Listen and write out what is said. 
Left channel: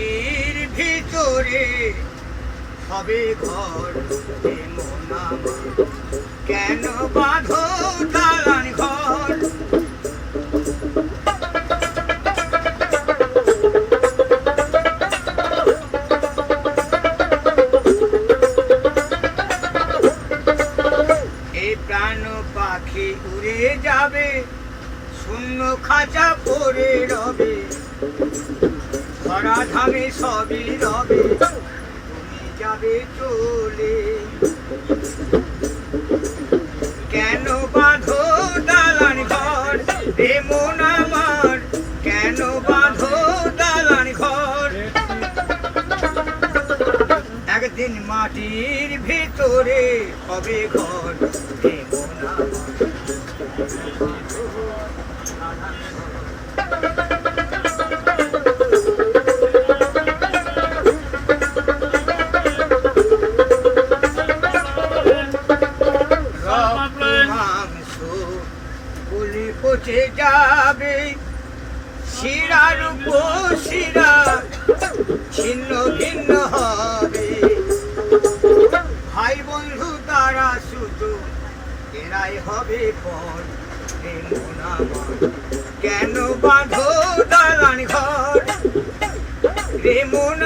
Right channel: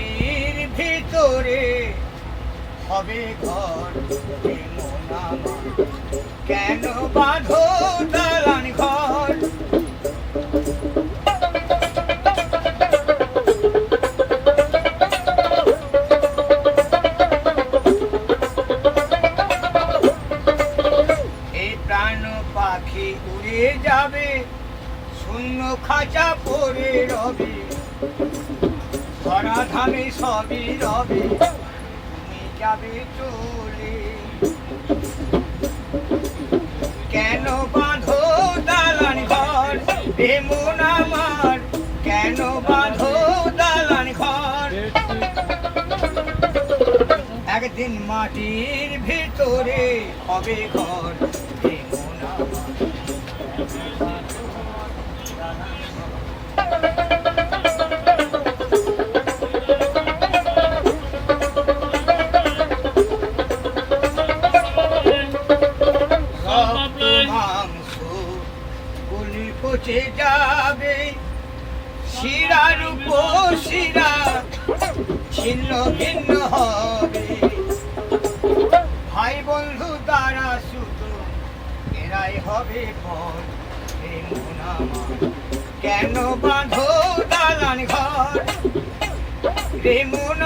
মাটির ভিতরে হবে ঘর মন আমার কেন বাঁধো দালান ঘর এই প্রাণ পাখি উড়ে যাবে শূন্য খাঁচা পড়ে রবে ধরা ধামে সবই রবে তুমি যাবে চলে কেন বাঁধো দালান ঘর রে মন আমার কেন বাঁধো দালান ঘর একদিন মাটির ভিতরে হবে ঘর রে মন আমার বাঁধো দালান ঘর পচে যাবে শিরার উপর শিরা ছিন্ন ভিন্ন হবে ভাই বন্ধু তারা শুধু এরাই হবে পর কেন বাঁধো দালান ঘর রে মন